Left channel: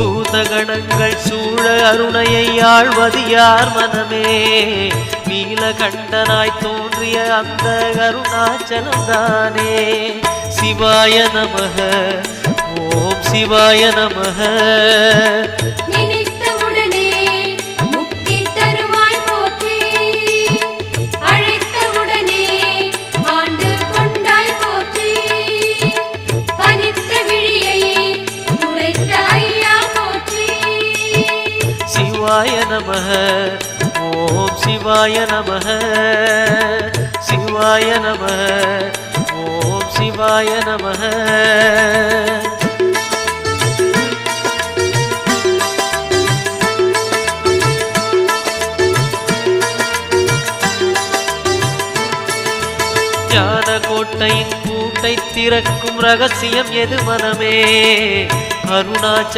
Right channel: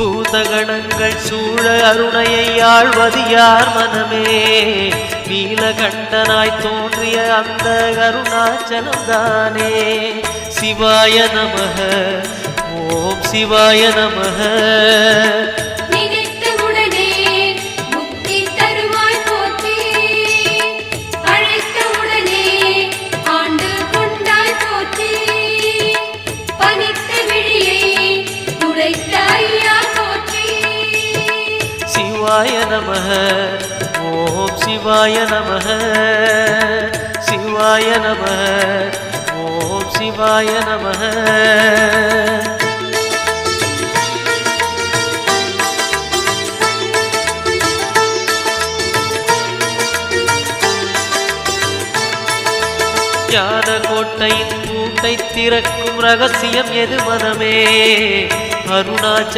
பூதகணங்கள் சூழ அருணையை ஆழ்வது யார் மனமே நீலகண்டனாய் தோன்றிய அந்த அருணாச்சலம்தானே சிவாய நமக ஓம் சிவாய நமக சிவாய நமக ஓம் சிவாய நமக சிவாய நமக ஓம் சிவாய நமக ஞான கோட்டையின் பூட்டை திறக்கும் ரகசியம் எது மனமே அருணாச்சல